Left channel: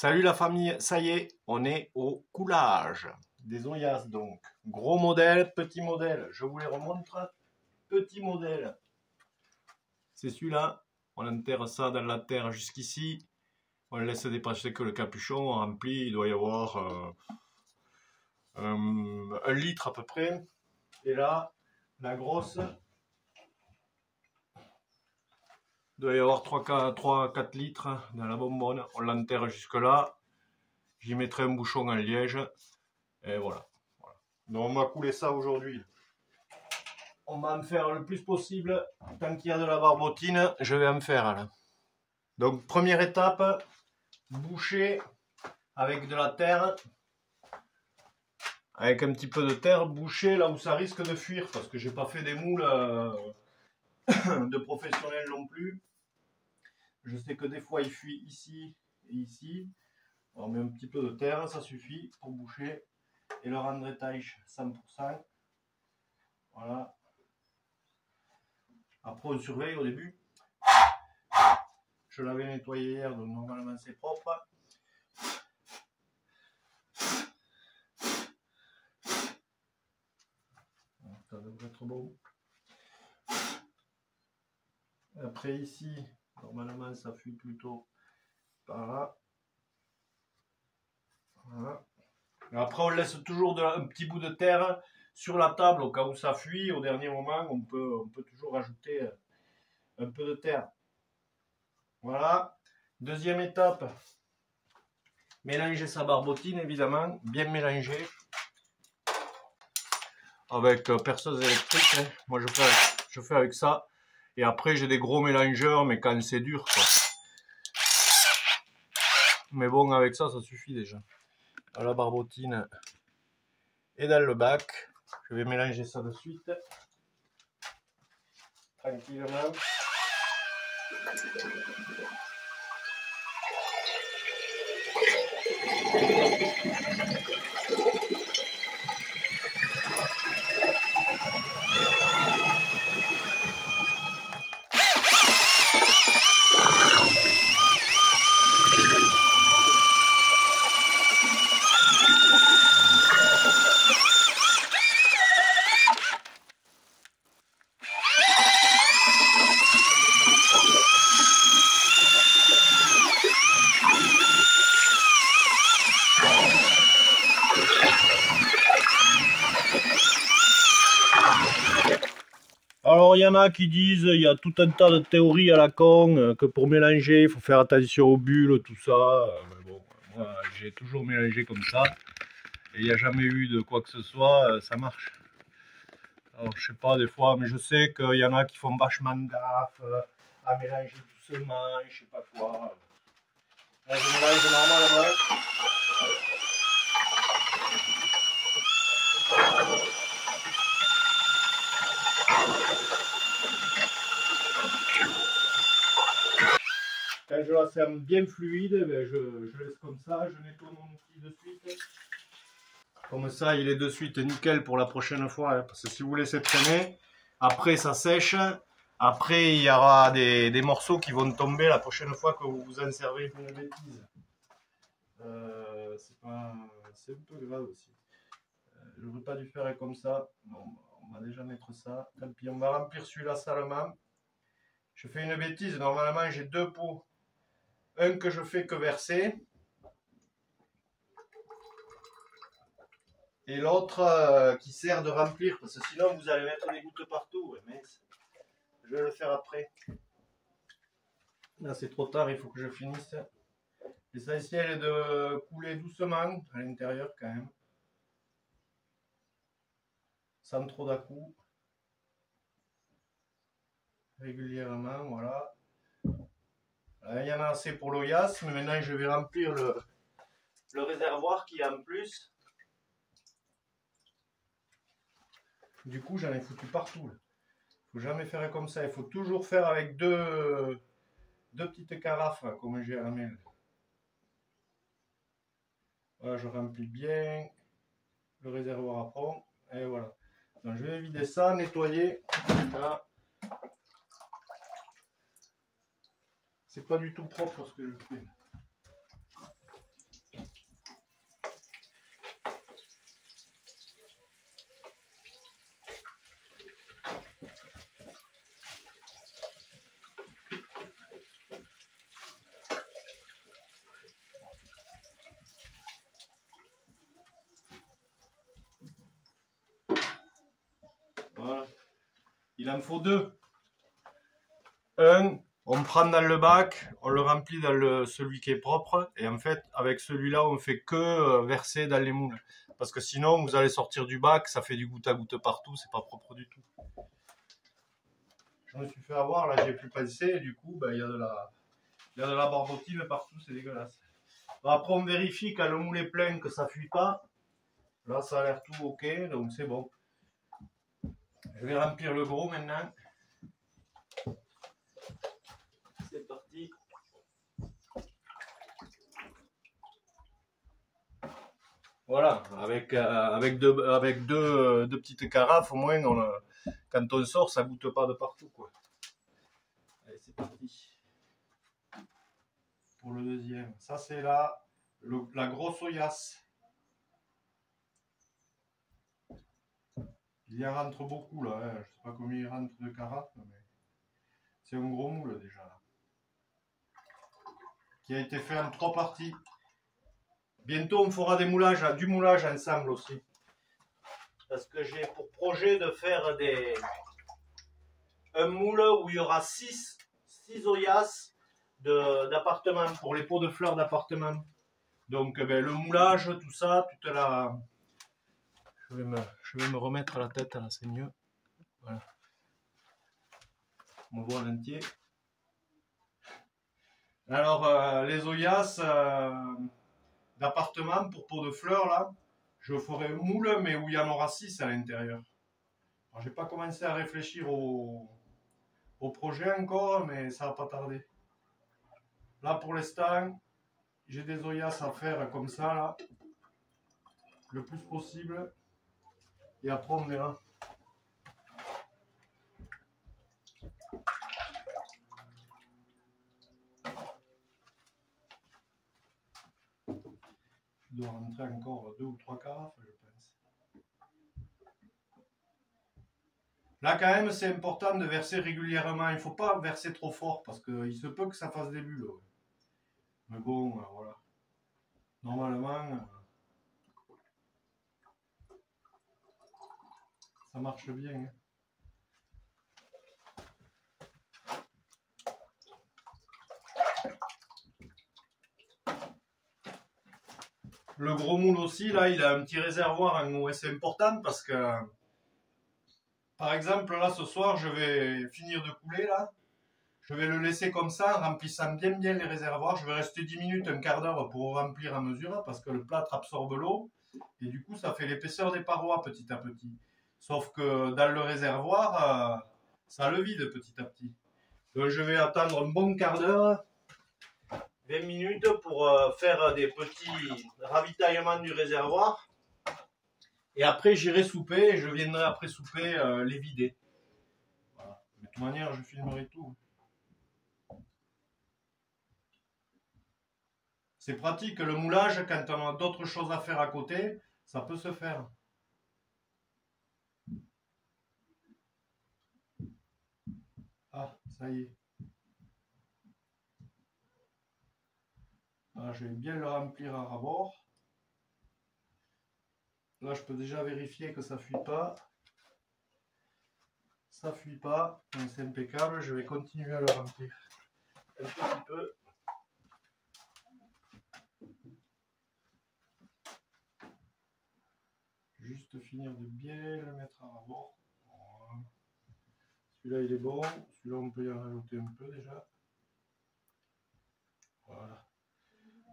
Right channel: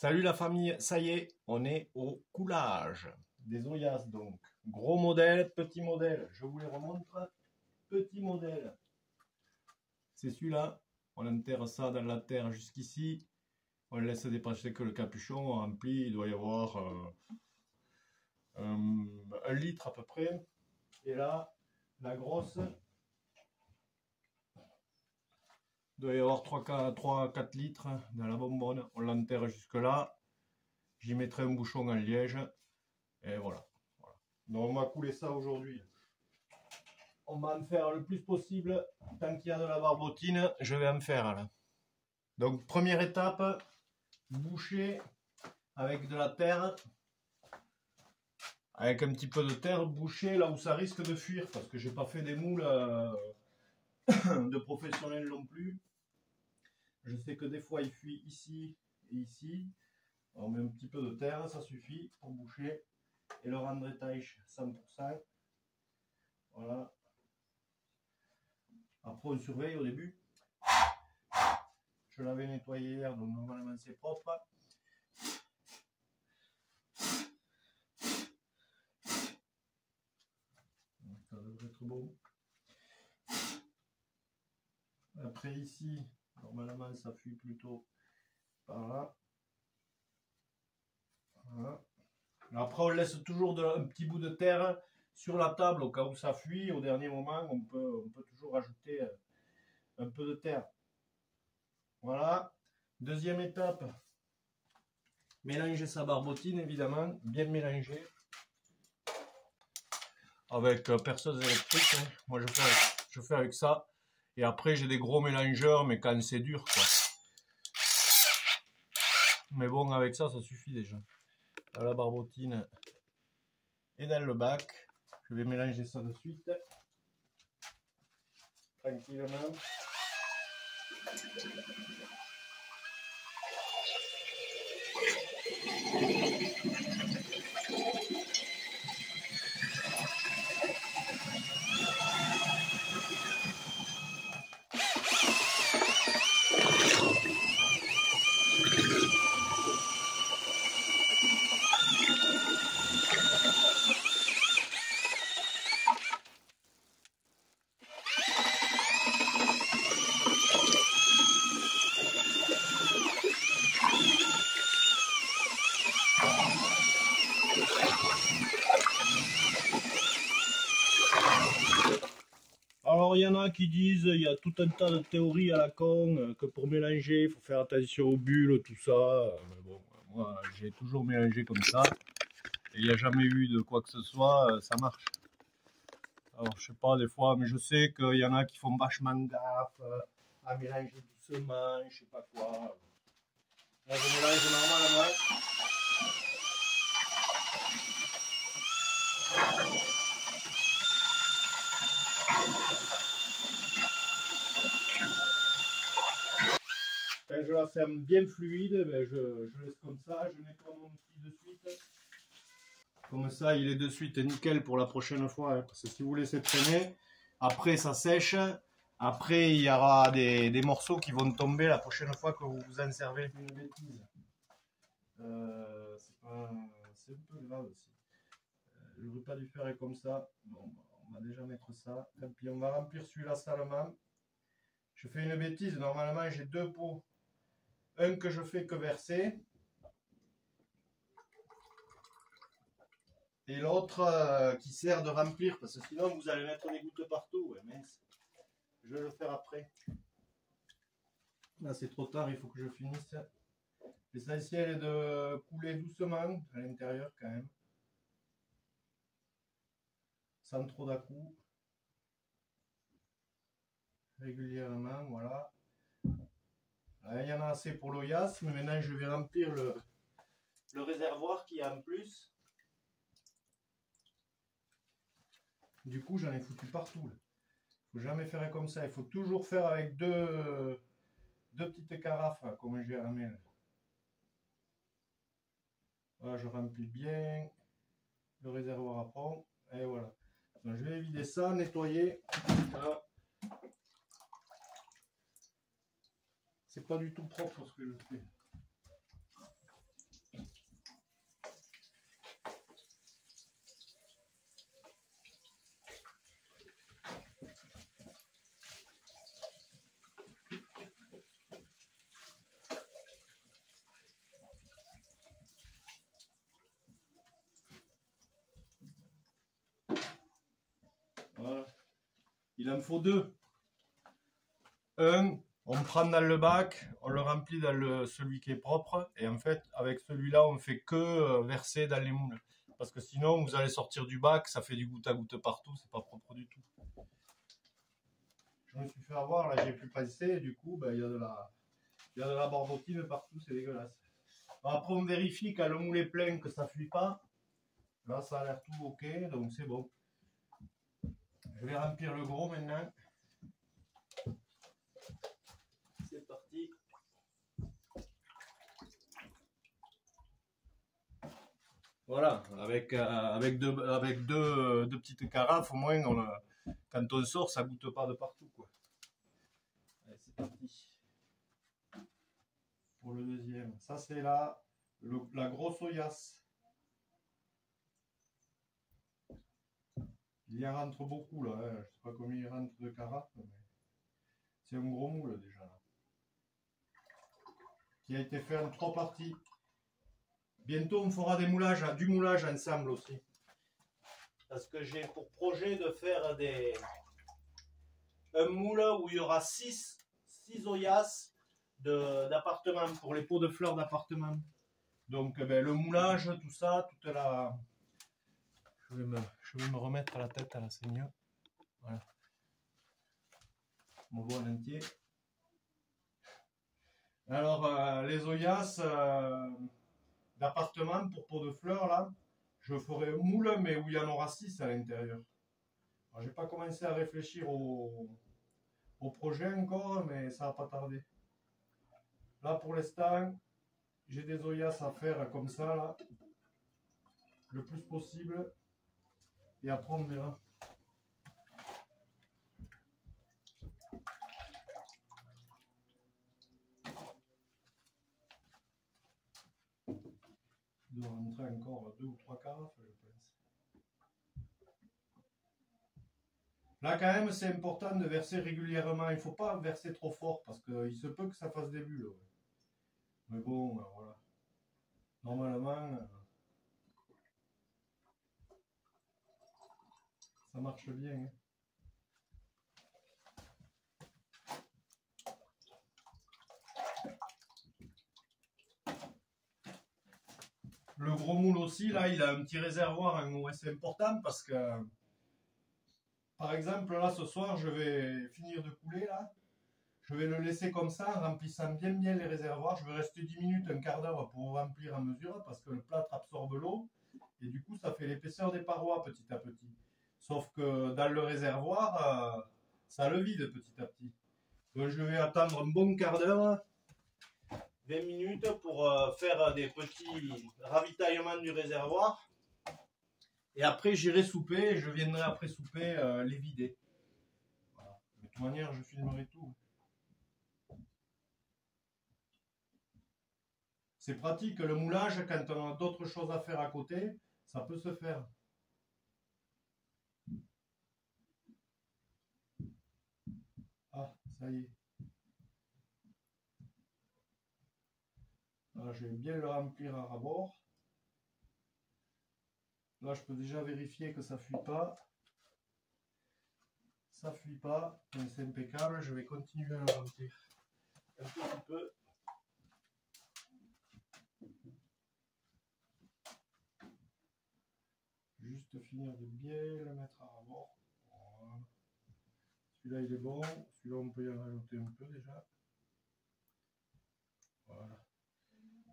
Salut la famille, ça y est, on est au coulage. Des Oyas donc. Gros modèle, petit modèle. Je vous les remontre. Petit modèle. C'est celui-là. On enterre ça dans la terre jusqu'ici. On laisse dépasser que le capuchon. On remplit. Il doit y avoir 1 litre à peu près. Et là, la grosse. Il doit y avoir 3-4 litres dans la bonbonne. On l'enterre jusque là. J'y mettrai un bouchon en liège. Et voilà. Donc on va couler ça aujourd'hui. On va en faire le plus possible. Tant qu'il y a de la barbotine, je vais en faire là. Donc première étape, boucher avec de la terre. Avec un petit peu de terre, boucher là où ça risque de fuir. Parce que j'ai pas fait des moules de professionnels non plus. Je sais que des fois il fuit ici et ici. On met un petit peu de terre, ça suffit pour boucher. Et le rendre étanche 100%. Voilà. Après on surveille au début. Je l'avais nettoyé hier, donc normalement c'est propre. Ça devrait être bon. Après ici, normalement ça fuit plutôt par là. Voilà. Après on laisse toujours un petit bout de terre sur la table au cas où ça fuit. Au dernier moment, on peut toujours ajouter un peu de terre. Voilà. Deuxième étape, mélanger sa barbotine évidemment, bien mélanger. Avec perceuse électrique, hein. Moi je fais avec ça. Et après j'ai des gros mélangeurs, mais quand c'est dur quoi. Mais bon, avec ça, ça suffit déjà. La barbotine est dans le bac. Je vais mélanger ça de suite. Tranquillement. Alors il y en a qui disent, il y a tout un tas de théories à la con, que pour mélanger, il faut faire attention aux bulles, tout ça. Mais bon, moi j'ai toujours mélangé comme ça. Et il n'y a jamais eu de quoi que ce soit, ça marche. Alors je sais pas des fois, mais je sais qu'il y en a qui font vachement gaffe à mélanger doucement, je sais pas quoi. Là je mélange normalement. Quand je la sens bien fluide, ben je laisse comme ça, je nettoie mon outil de suite. Comme ça, il est de suite nickel pour la prochaine fois. Hein, parce que si vous laissez traîner, après ça sèche. Après, il y aura des morceaux qui vont tomber la prochaine fois que vous vous en servez. Une bêtise. C'est un peu grave aussi. Je n'aurais pas dû faire comme ça. Bon, on va déjà mettre ça. Tant pis, on va remplir celui-là salement. Je fais une bêtise. Normalement, j'ai 2 pots. Un que je fais que verser. Et l'autre qui sert de remplir. Parce que sinon, vous allez mettre des gouttes partout. Ouais, mince. Je vais le faire après. Là, c'est trop tard. Il faut que je finisse. L'essentiel est de couler doucement à l'intérieur quand même. Sans trop d'à-coups. Régulièrement, voilà. Il y en a assez pour l'Oyas, mais maintenant je vais remplir le réservoir qui est en plus. Du coup, j'en ai foutu partout. Il ne faut jamais faire comme ça. Il faut toujours faire avec deux petites carafes, comme j'ai ramené. Voilà, je remplis bien le réservoir à fond. Et voilà. Donc, je vais vider ça, nettoyer. Voilà. C'est pas du tout propre ce que je fais. Il en faut deux. Un, on prend dans le bac, on le remplit dans celui qui est propre, et en fait, avec celui-là, on fait que verser dans les moules. Parce que sinon, vous allez sortir du bac, ça fait du goutte à goutte partout, c'est pas propre du tout. Je me suis fait avoir, là, j'ai plus pensé, et du coup, ben, il y a de la barbotine partout, c'est dégueulasse. Après, on vérifie quand le moule est plein que ça fuit pas. Là, ça a l'air tout ok, donc c'est bon. Je vais remplir le gros maintenant. C'est parti. Voilà, avec deux petites carafes, au moins, quand on sort, ça goûte pas de partout, quoi. Allez, c'est parti. Pour le deuxième. Ça, c'est la grosse Oyas. Il y en rentre beaucoup, là. Hein. Je sais pas combien il rentre de carafes, mais c'est un gros moule, déjà. Là. Qui a été fait en 3 parties. Bientôt, on fera du moulage ensemble aussi. Parce que j'ai pour projet de faire un moule où il y aura 6 Oyas d'appartements, pour les pots de fleurs d'appartement. Donc ben, le moulage, tout ça, toute la... Je vais me remettre la tête, là c'est mieux. Voilà. On voit l'entier. Alors les Oyas d'appartement pour pots de fleurs, là, je ferai un moule, mais où il y en aura 6 à l'intérieur. J'ai pas commencé à réfléchir au projet encore, mais ça va pas tarder. Là pour l'instant, j'ai des Oyas à faire comme ça, là, le plus possible. Et après on verra. Il doit rentrer encore 2 ou 3 carafes, je pense. Là, quand même, c'est important de verser régulièrement. Il ne faut pas verser trop fort parce qu'il se peut que ça fasse des bulles. Ouais. Mais bon, voilà. Normalement, ça marche bien. Hein. Le gros moule aussi, là, il a un petit réservoir en haut. C'est important parce que, par exemple, là, ce soir, je vais finir de couler, là. Je vais le laisser comme ça, en remplissant bien les réservoirs. Je vais rester 10 minutes, un quart d'heure pour remplir à mesure, parce que le plâtre absorbe l'eau. Et du coup, ça fait l'épaisseur des parois petit à petit. Sauf que dans le réservoir, ça le vide petit à petit. Donc, je vais attendre un bon quart d'heure, 20 minutes pour faire des petits ravitaillements du réservoir. Et après, j'irai souper et je viendrai après souper les vider. Voilà. De toute manière, je filmerai tout. C'est pratique, le moulage, quand on a d'autres choses à faire à côté, ça peut se faire. Ah, ça y est. Ah, je vais bien le remplir à rabord. Là, je peux déjà vérifier que ça ne fuit pas. Ça ne fuit pas, c'est impeccable. Je vais continuer à le remplir un petit peu. Juste finir de bien le mettre à rabord. Voilà. Celui-là, il est bon. Celui-là, on peut y en rajouter un peu déjà. Voilà.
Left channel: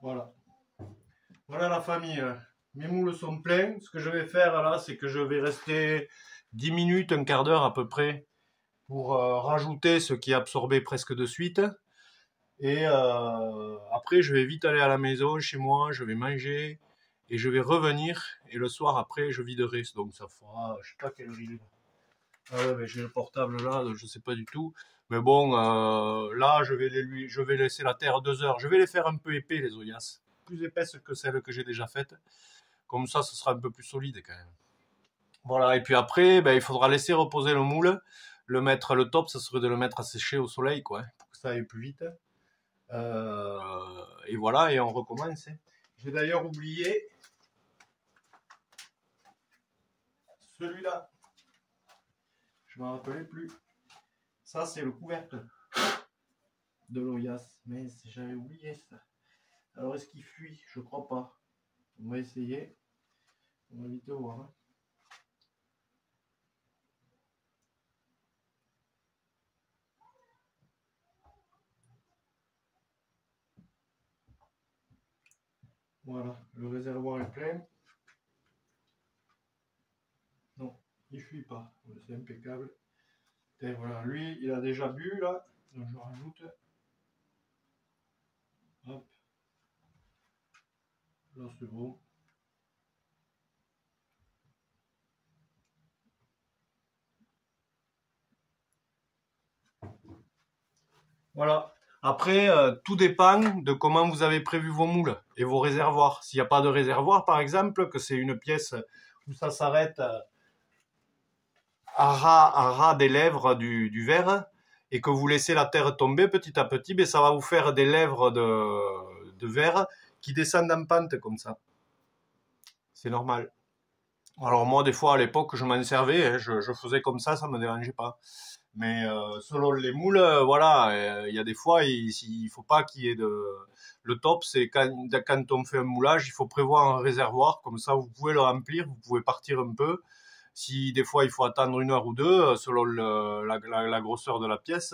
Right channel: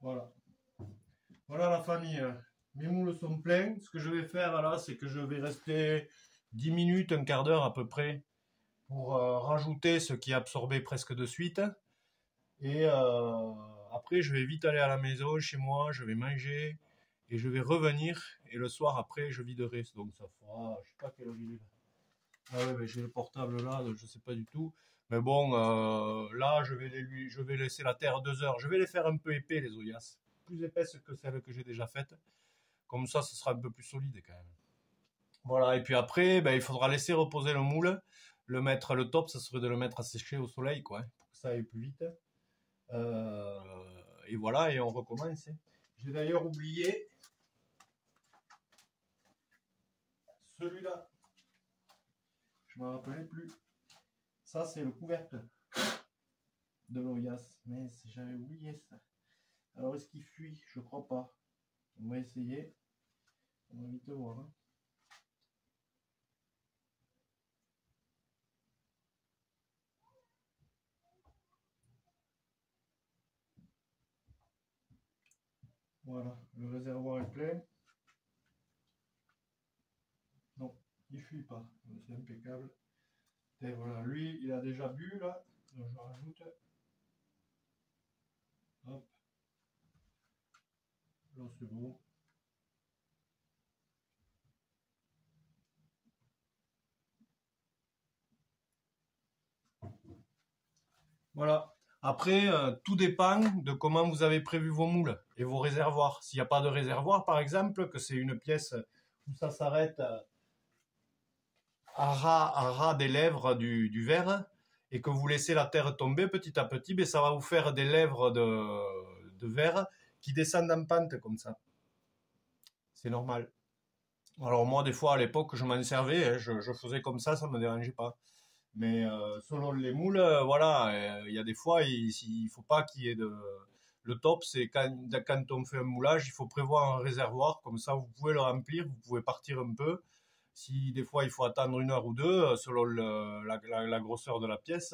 Voilà. Voilà la famille. Mes moules sont pleins. Ce que je vais faire là, c'est que je vais rester 10 minutes, un quart d'heure à peu près, pour rajouter ce qui est absorbé presque de suite. Et après, je vais vite aller à la maison, chez moi, je vais manger et je vais revenir. Et le soir, après, je viderai. Donc ça fera, je sais pas quelle heure il est. Ouais, ben, j'ai le portable là, donc je sais pas du tout. Mais bon, là, je vais laisser la terre 2 heures. Je vais les faire un peu épais, les Oyas. Plus épaisses que celles que j'ai déjà faites. Comme ça, ce sera un peu plus solide quand même. Voilà, et puis après, ben, il faudra laisser reposer le moule. Le top, ça serait de le mettre à sécher au soleil, quoi, pour que ça aille plus vite. Et voilà, et on recommence. J'ai d'ailleurs oublié celui-là. Je ne me rappelais plus. Ça, c'est le couvercle de l'Oyas. Mais j'avais oublié ça. Alors, est-ce qu'il fuit? Je crois pas. On va essayer. On va vite voir. Hein. Voilà, le réservoir est plein. Non, il fuit pas. C'est impeccable. Et voilà, lui, il a déjà bu là. Donc je rajoute. Hop. Là, c'est bon. Voilà. Après, tout dépend de comment vous avez prévu vos moules et vos réservoirs. S'il n'y a pas de réservoir, par exemple, que c'est une pièce où ça s'arrête à ras des lèvres du verre et que vous laissez la terre tomber petit à petit, ben, ça va vous faire des lèvres de verre qui descendent en pente comme ça. C'est normal. Alors moi, des fois, à l'époque, je m'en servais, hein, je faisais comme ça me dérangeait pas. Mais selon les moules, voilà, il y a des fois, il faut pas qu'il y ait de... Le top, c'est quand on fait un moulage, il faut prévoir un réservoir, comme ça vous pouvez le remplir, vous pouvez partir un peu. Si des fois il faut attendre 1 heure ou deux, selon la grosseur de la pièce,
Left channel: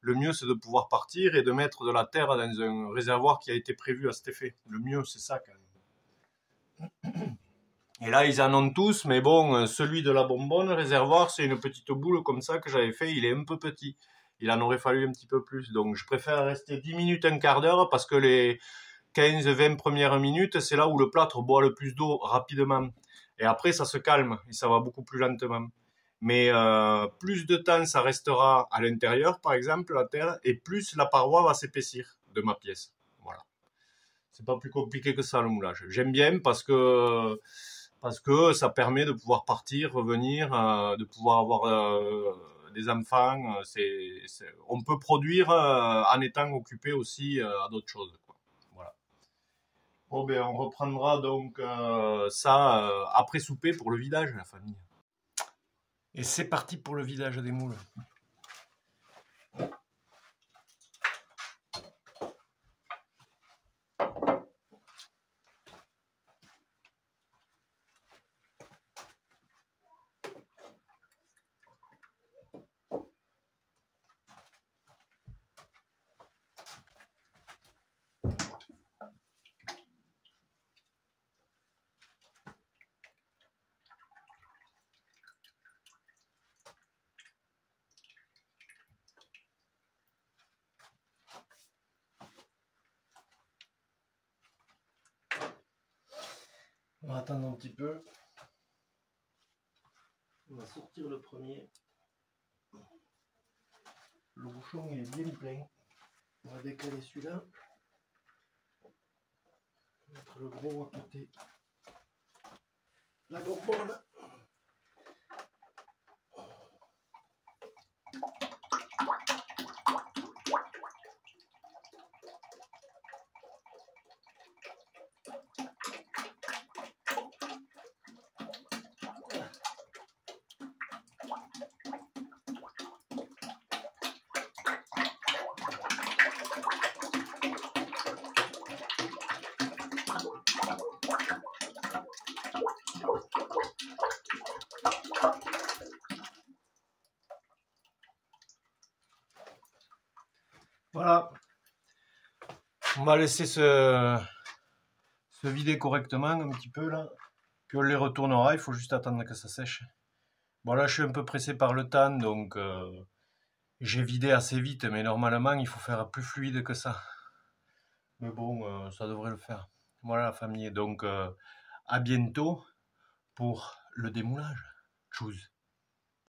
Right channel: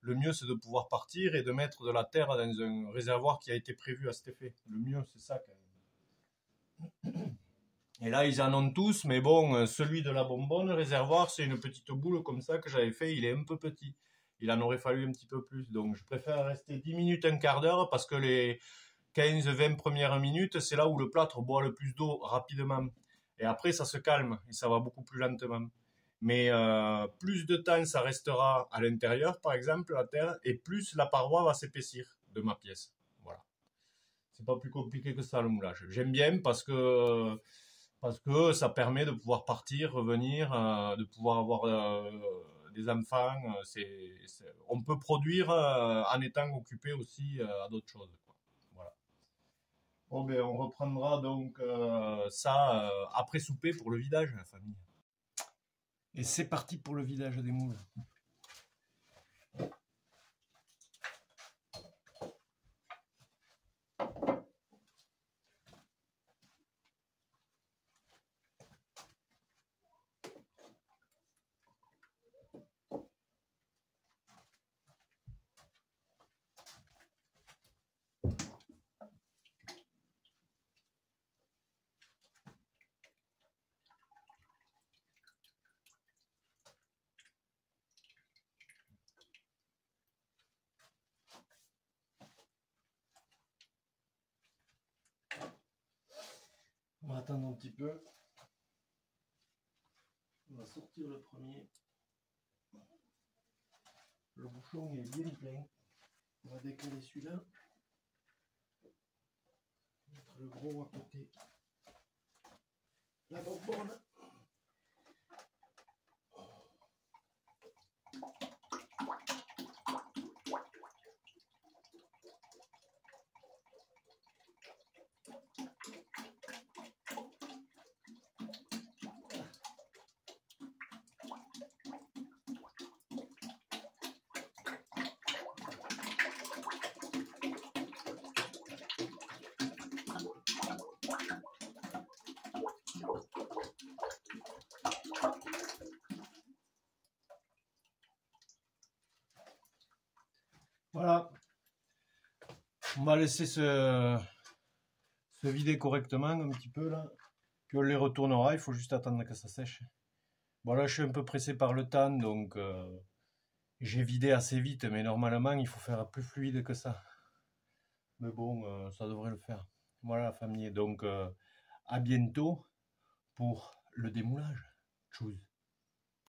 le mieux c'est de pouvoir partir et de mettre de la terre dans un réservoir qui a été prévu à cet effet. Le mieux, c'est ça quand même. Et là, ils en ont tous, mais bon, celui de la bonbonne, réservoir, c'est une petite boule comme ça que j'avais fait, il est un peu petit. Il en aurait fallu un petit peu plus. Donc, je préfère rester 10 minutes, un quart d'heure, parce que les 15-20 premières minutes, c'est là où le plâtre boit le plus d'eau rapidement. Et après, ça se calme et ça va beaucoup plus lentement. Mais plus de temps ça restera à l'intérieur, par exemple, la terre, et plus la paroi va s'épaissir de ma pièce. Voilà. C'est pas plus compliqué que ça, le moulage. J'aime bien parce que ça permet de pouvoir partir, revenir, de pouvoir avoir des enfants. On peut produire en étant occupé aussi à d'autres choses, quoi. Voilà. Bon, ben, on reprendra donc ça après souper pour le vidage, la famille. Et c'est parti pour le vidage des moules. On va attendre un petit peu. On va sortir le premier. Le bouchon il est bien plein. On va décaler celui-là. Mettre le gros à côté. La bonbonne. Voilà. On va laisser se vider correctement un petit peu là. Puis on les retournera, il faut juste attendre que ça sèche. Bon là je suis un peu pressé par le temps, donc j'ai vidé assez vite, mais normalement il faut faire plus fluide que ça. Mais bon, ça devrait le faire. Voilà la famille, donc à bientôt pour le démoulage. Tchuss.